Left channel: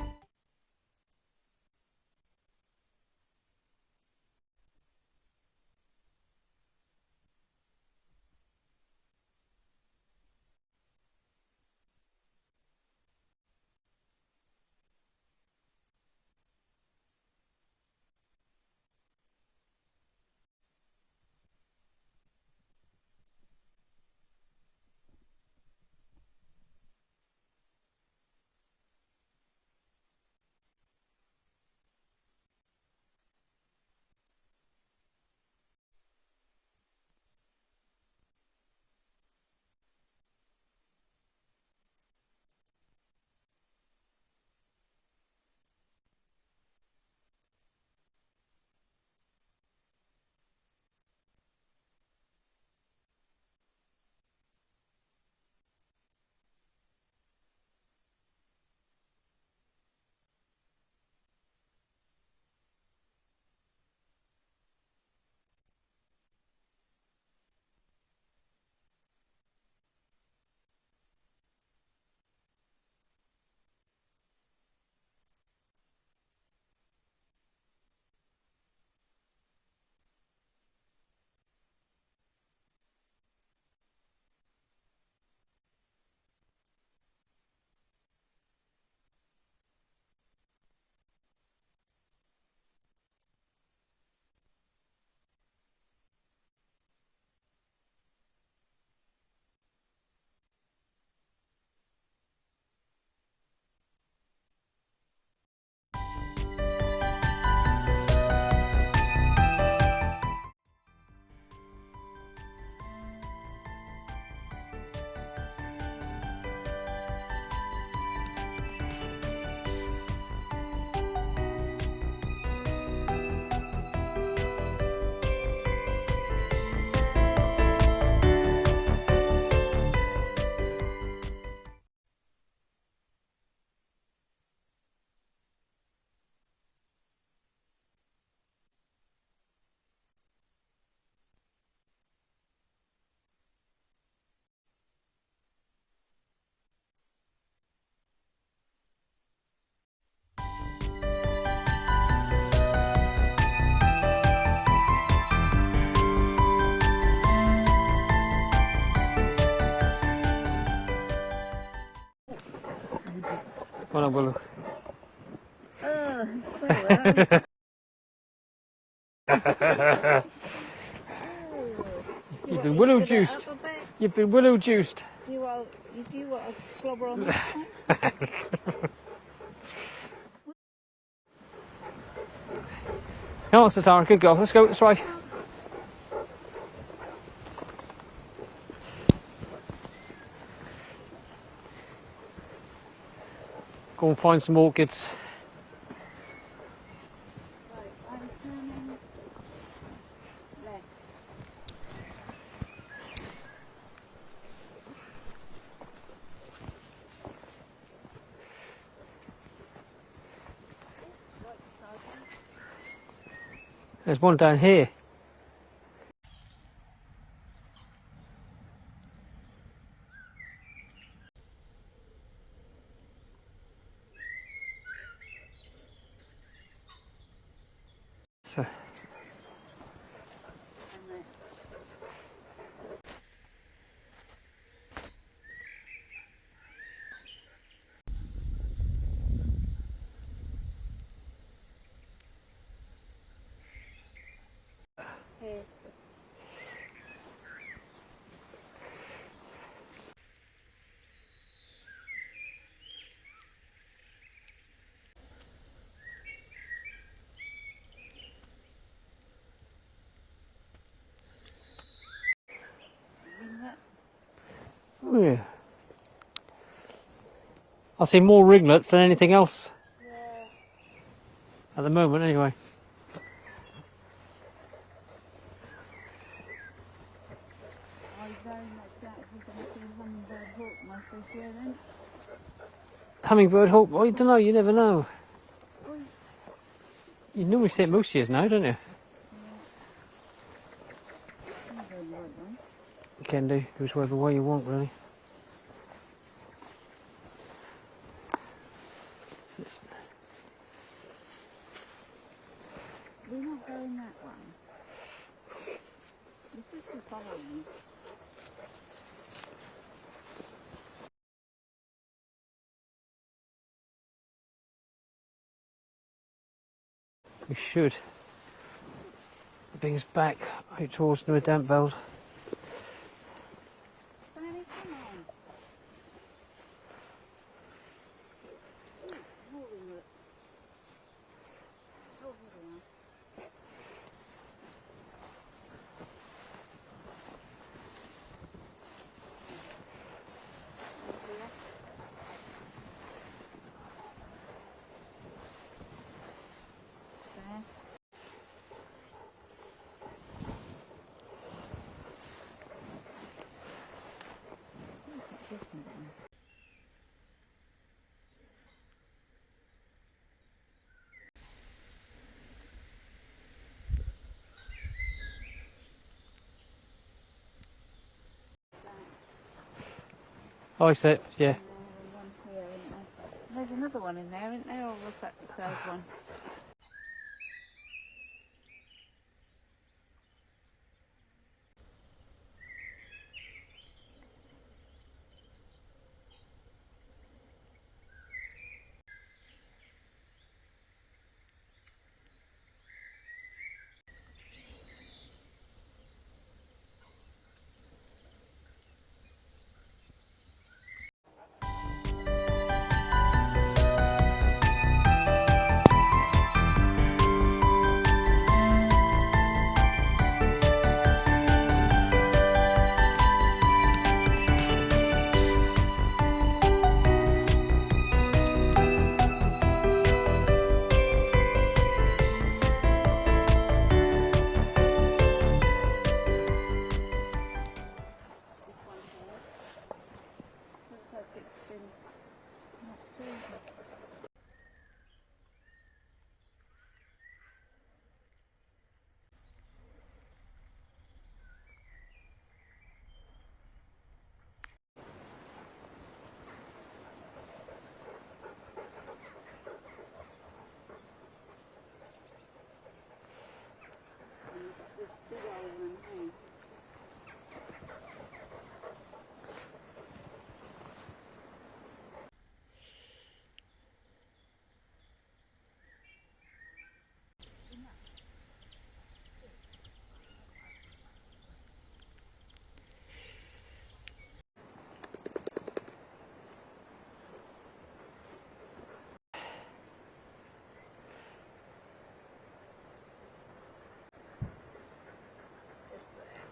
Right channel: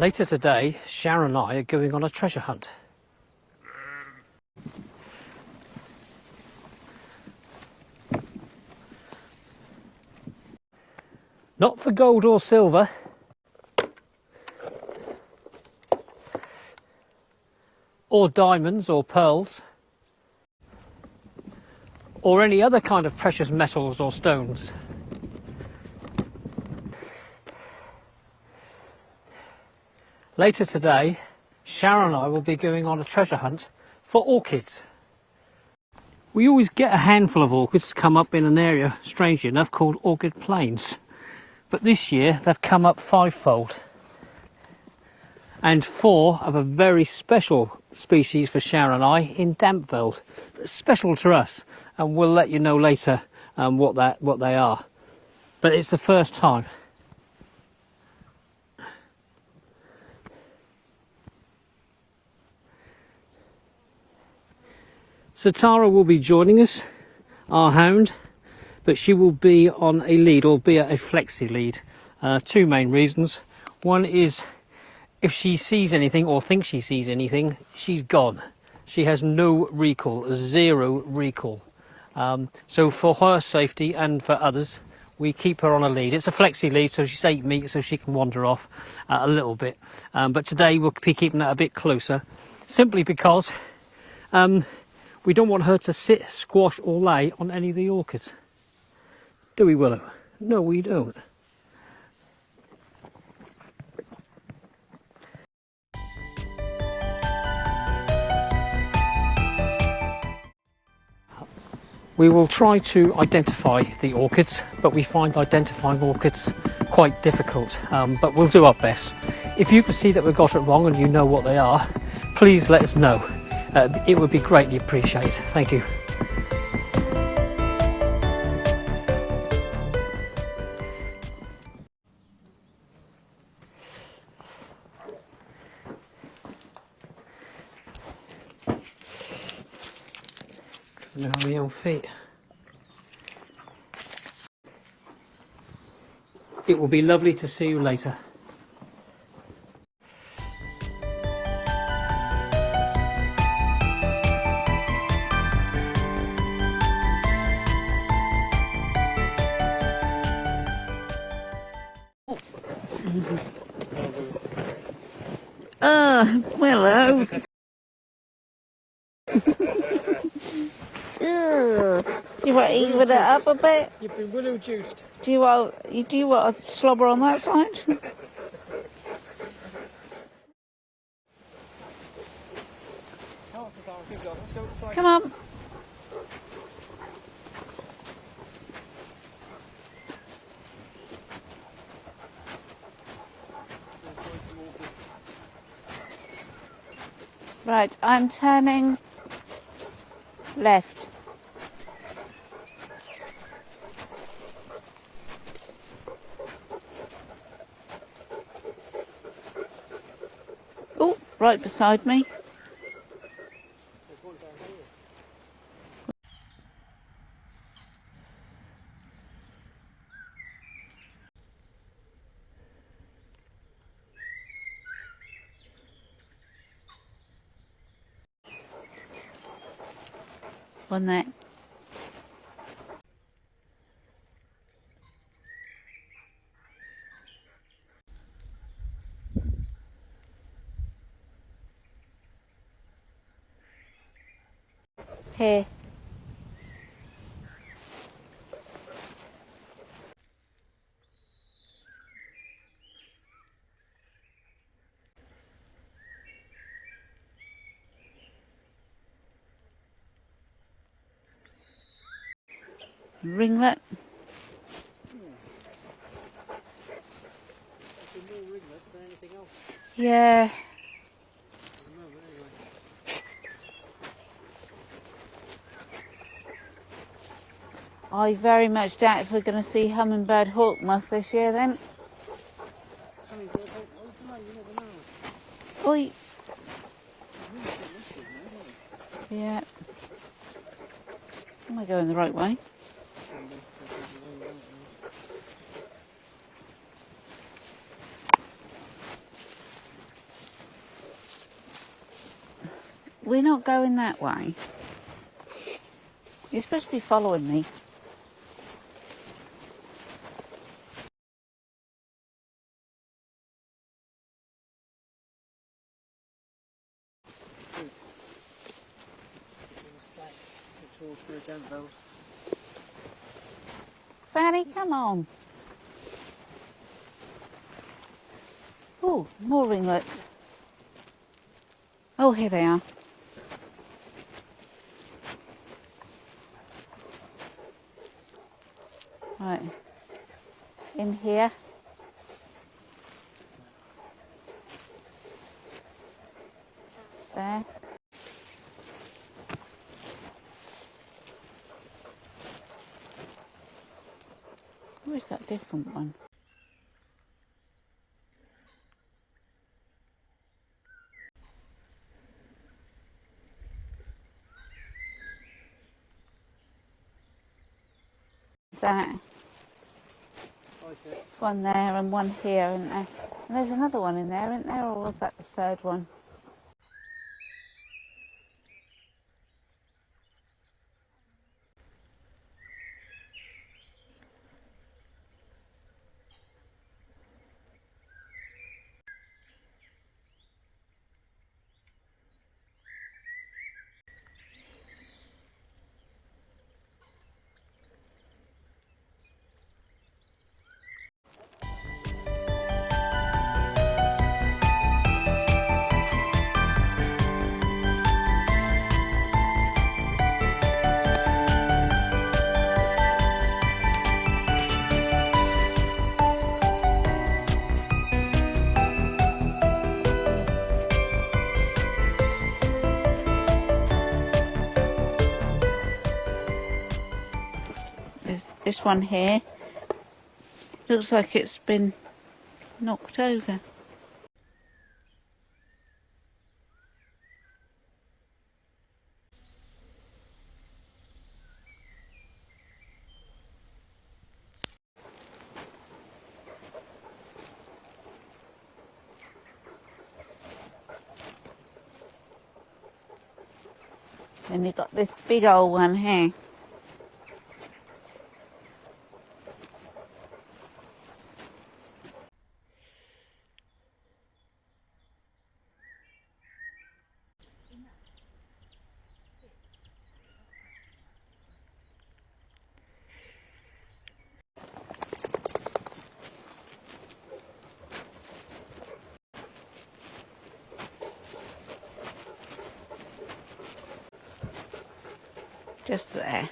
Later today, Sharon and I are going on a treasure hunt. Not for gold or silver, or diamonds or pearls, or any other kind of precious metals or stones. Later today, Sharon and I will be going on a treasure hunt for orchids. We always get a handful of orchids come up in an area, strangely enough, called Orchid Plains. But this year they've come up fivefold. And 4 of a very special species for Sharon and I in Dampveld. Special to us, and we'll let you know later what they are. But it's the first time. So Tara will be joining us, our hound, but she will be on a lead, albeit a flexi lead. 2 main reasons. One is if she sees anything or thinks she sees anything, she's gone. She has no recall, 0 recall. So for her safety and for others, we keep her on a lead. It's a flexi lead, so she's 8 meters, so she can wander off a little bit. But today we'll be keeping that a bit closer, simply because we don't want her to sit, squash or lay on any of the orchids. Do we, Willow? No, we don't. We will try to identify the orchids, but we find identifying orchids quite difficult, but we'll do our best. If you can see that we've got it wrong and you know what they are, please let us know. It would be greatly appreciated. Thank you. Now my own feet. It will be lovely to see you later. Hello, Willow. Willow. Do you want to eat with it up a bit? You've been willow juiced. Do you want to slobber on that side? Come on, Satara, good girl. Let's go this way. Come on. Go and find some orchids. Right, I'm turning left. Oh, right beside me. There's one down here. So. One there. Here. Ringlet. Oh, yeah. I see more ringlets than anything else. Yeah. At the moment, anyway. I very much doubt if we're going to see hummingbird hawkmoth this year then. Hummingbird hawk, I don't know, you never know. Oi. You normally see it most years now, don't you? Yeah. Am I going the right way? You can do, whichever way you want, really. we're not going that way. You're supposed to be following me. We should things back out towards New Dampveld. Fanny, come on. Oh, more ringlets. Oh, here they are. Right. In here. There. Where's that different one? That. Oh, I see. Yeah. One there and one here, isn't there? And there's another one in there, isn't there? Or was that the third one? There's this one here. Looks like it's been knocked over. And you've got this big old one here. Just there.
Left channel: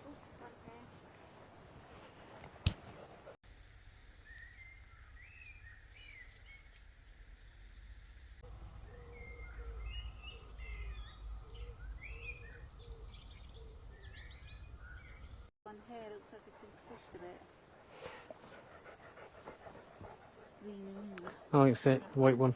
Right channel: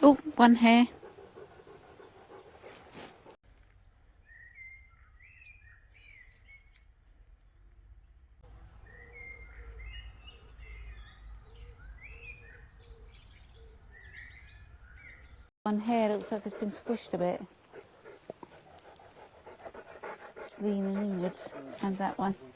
Oh, one here. one here looks like it's been squished a bit. It's leaning inwards. Oh, it's And it. that White one.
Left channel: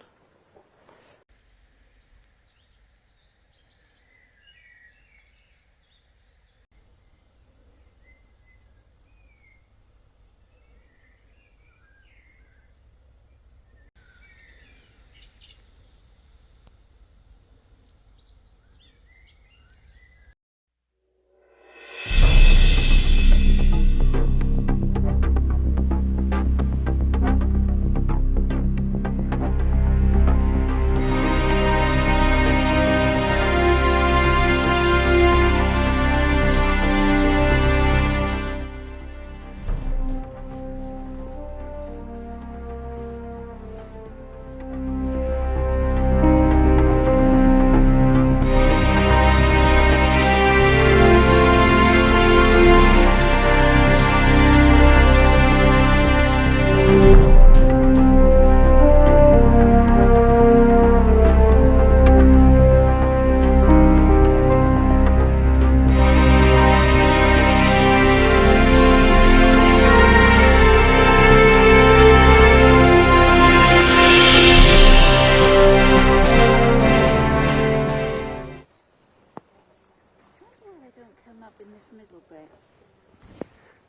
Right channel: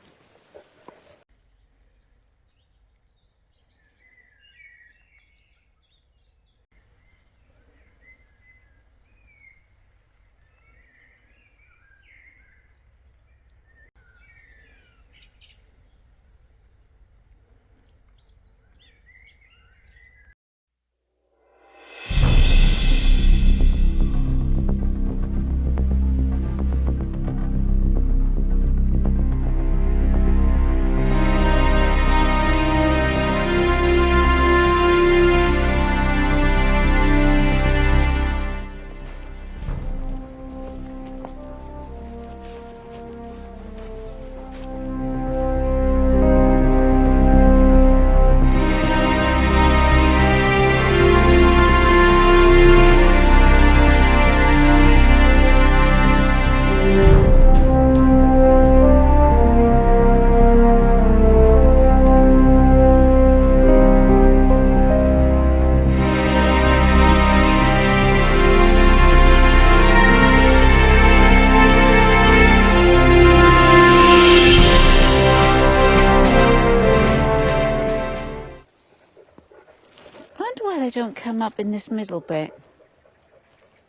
I wonder why they don't come up in this middle bit.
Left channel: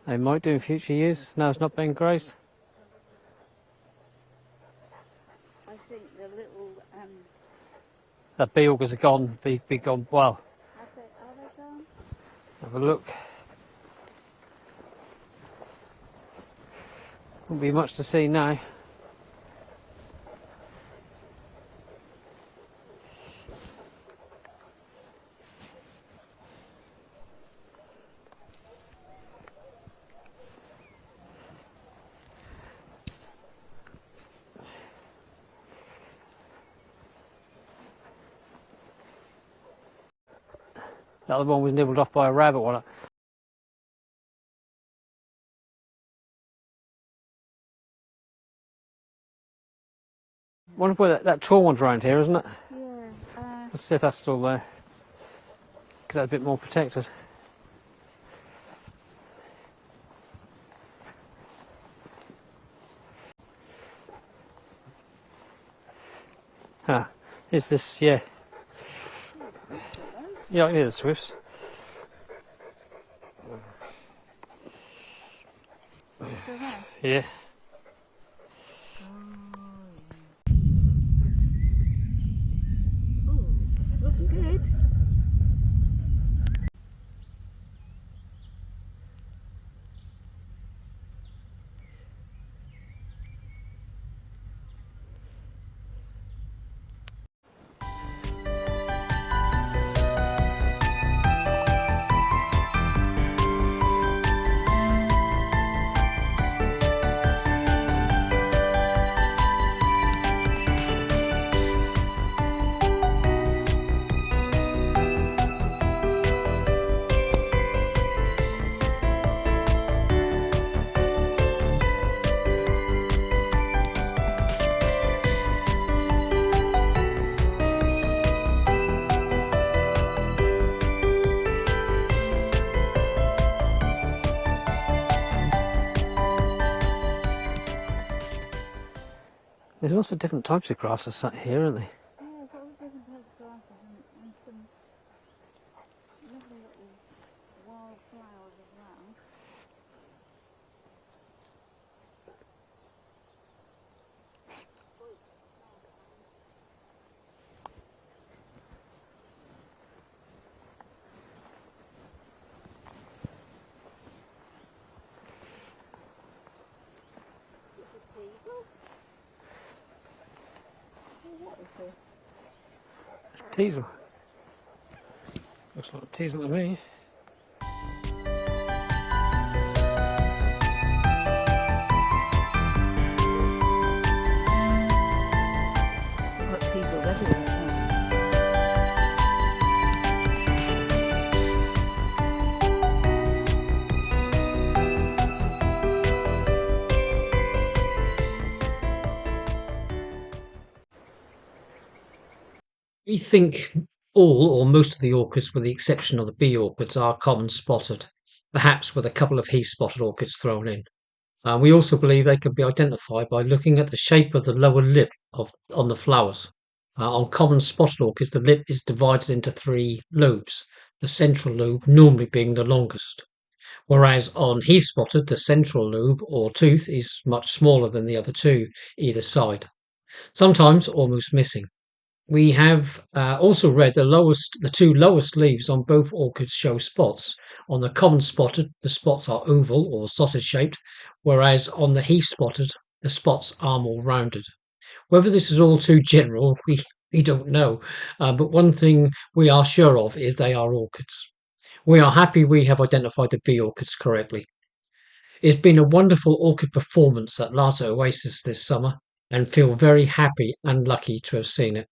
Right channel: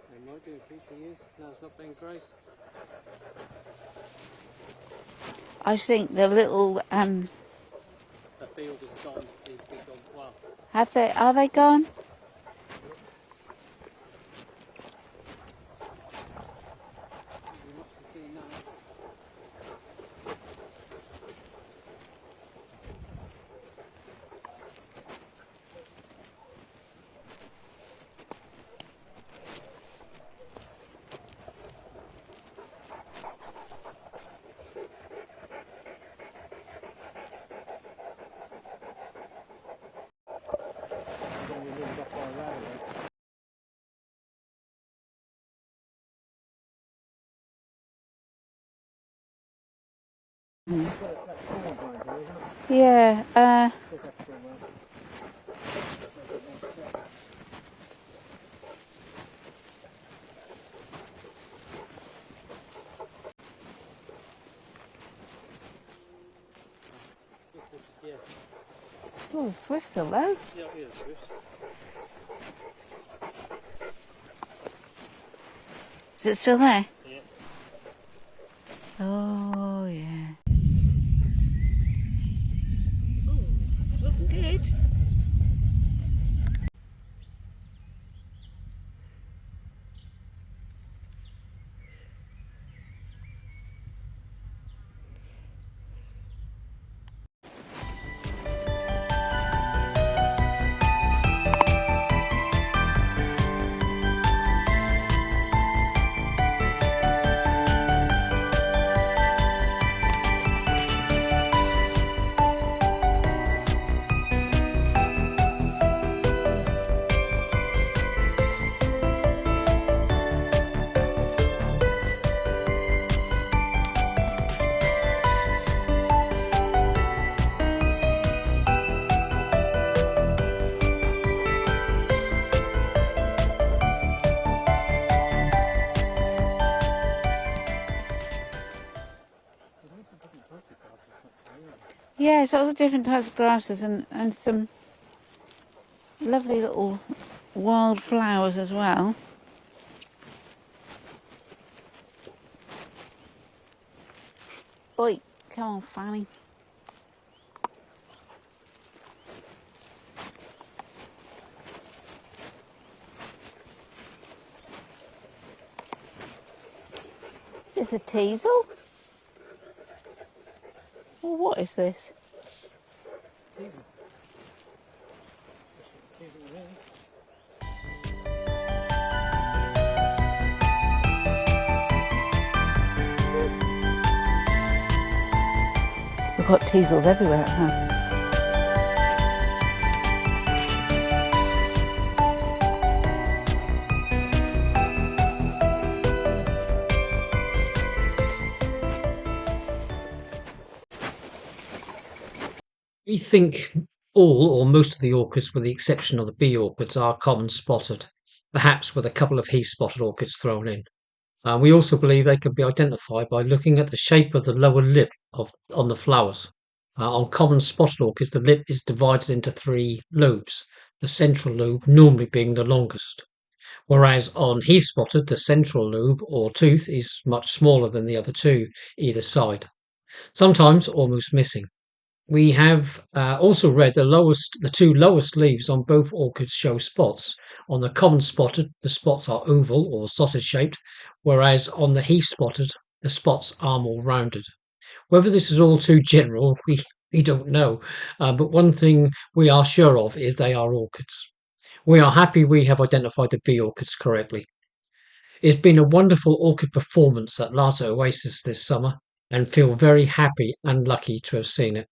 They might do in future years. No, it's not being grazed. I think the little The bee augers are gone. Be gone. Well, are they gone? have a look. Won't be much to see now. The other one was nibbled off by a rabbit, wasn't it? I wonder where that tall one's around here, isn't it? Yeah. Let's see if that's still there. Because that's a bit more protected. Ah, is this, yeah. Oh, Swift still there. Yeah, it is Swifts. Is it still there? Yeah. Oh, yeah. Oh, it's looking good. There's lots of different types of grasses sat here, aren't there? Yeah, so lots of different types of grasses and some lovely little wild flowers as well. Oi, come on, Fanny. Is this a teasel? Well, what is this? It's a teasel. Looks like a teasel to me. We've got teasels everywhere at home. We think all or most of the orchids, with the exception of the bee orchids, are common spotted. perhaps with a couple of heath-spotted orchids thrown in. We also believe they can be identified by looking at the shape of the lower lip on the flowers. On common spotted orchids, the lip is divided into 3 lobes, the central lobe normally being the longest, whereas on heath spotted, the central lobe or tooth is much smaller than the other 2 either side, sometimes almost missing. We have also read the 2 lowest leaves on both orchids show spots. On the common spotted, the spots are oval or sausage shaped, whereas on the heath spotted, the spots are more rounded. Whether this is all too general, we don't know, but one thing we are sure of is they are orchids. We are happy we have identified the bee orchids correctly. It's been a wonderful orchid performance at Larter Oasis this summer, and feel very happy and lucky to have seen it.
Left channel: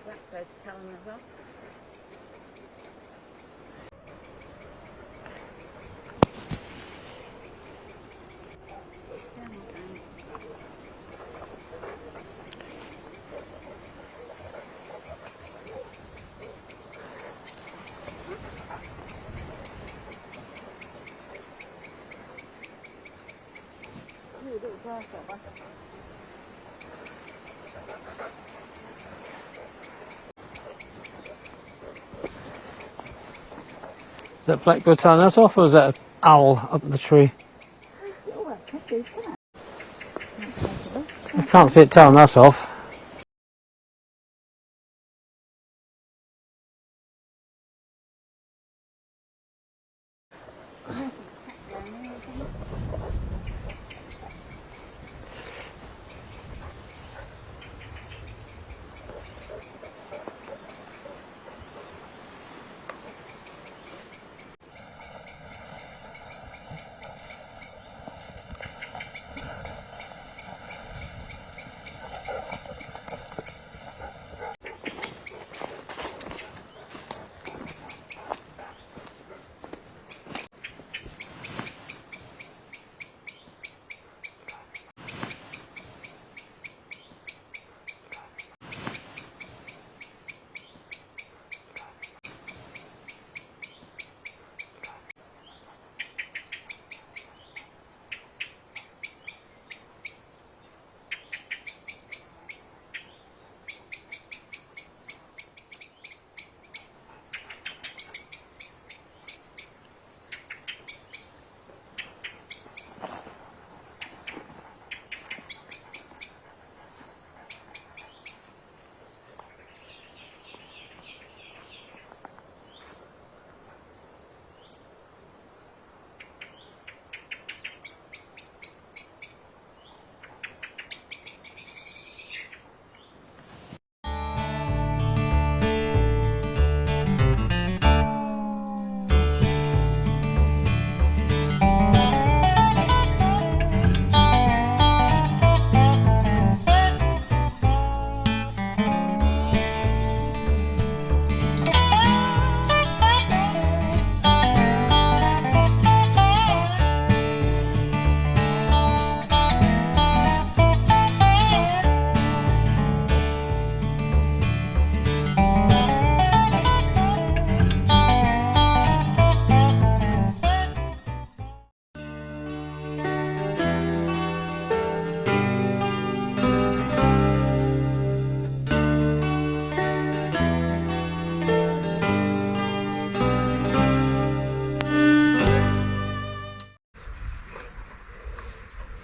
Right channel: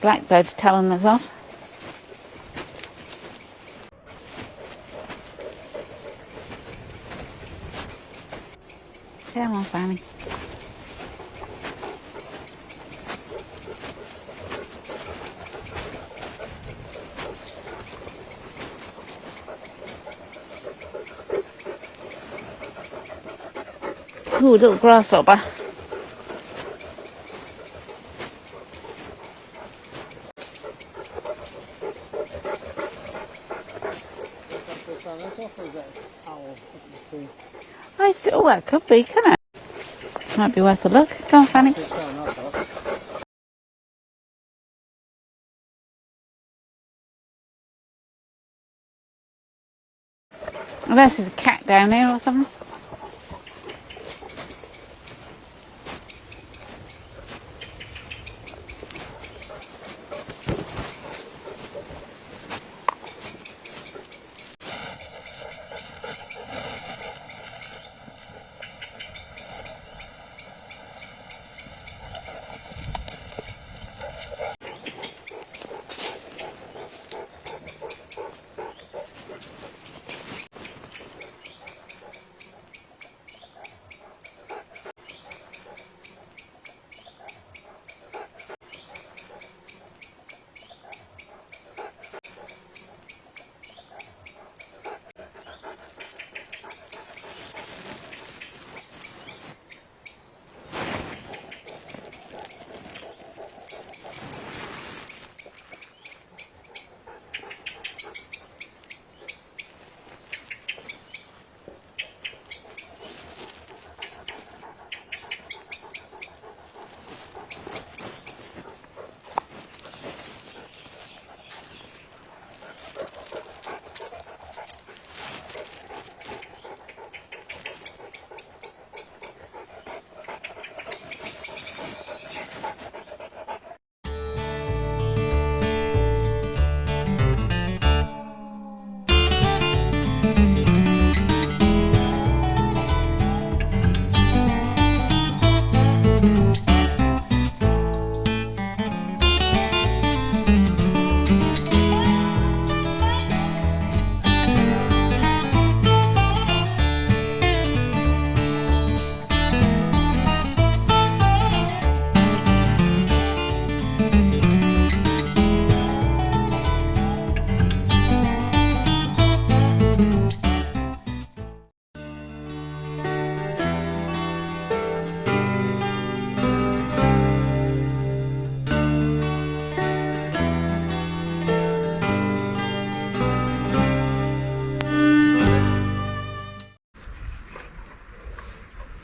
Blackbird's telling us off. Come on, Fanny. Ooh, little grasshopper. Is that blackbird telling us off, or is that an owl up the tree? Oh, that could be, couldn't it? Might be worth a look. Go on, I can't Fanny. see it telling us off. Unless there's a cat down here or something.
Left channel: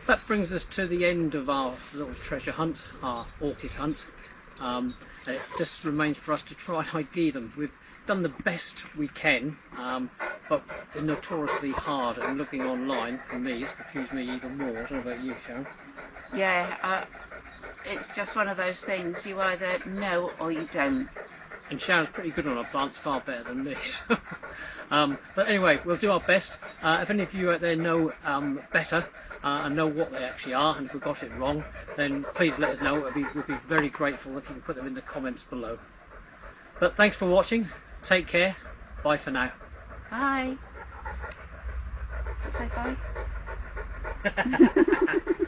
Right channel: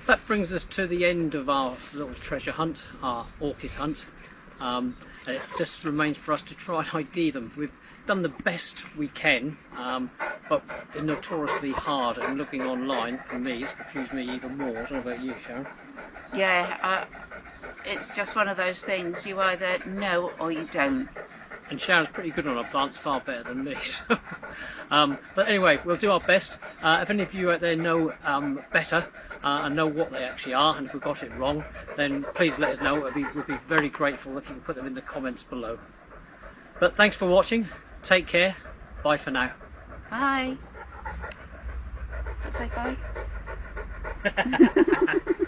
That brings us to the end of our little treasure hunt, our orchid hunt. And it just remains for us to try and ID them. We've done the best we can, but it's notoriously hard, and looking online, for me, it's confused me even more. I don't know about you, Sharon. Yeah, it's just one of those things. You either know or you don't. And Sharon's pretty good on her plants, far better than me. So, but anyway, we'll do our best. If any of you out there know better and know what they actually are, and if we got it wrong, then please let us know. We'll be very grateful if you can put them in the comments below. But thanks for watching. Take care. Bye for now. Bye. Say bye.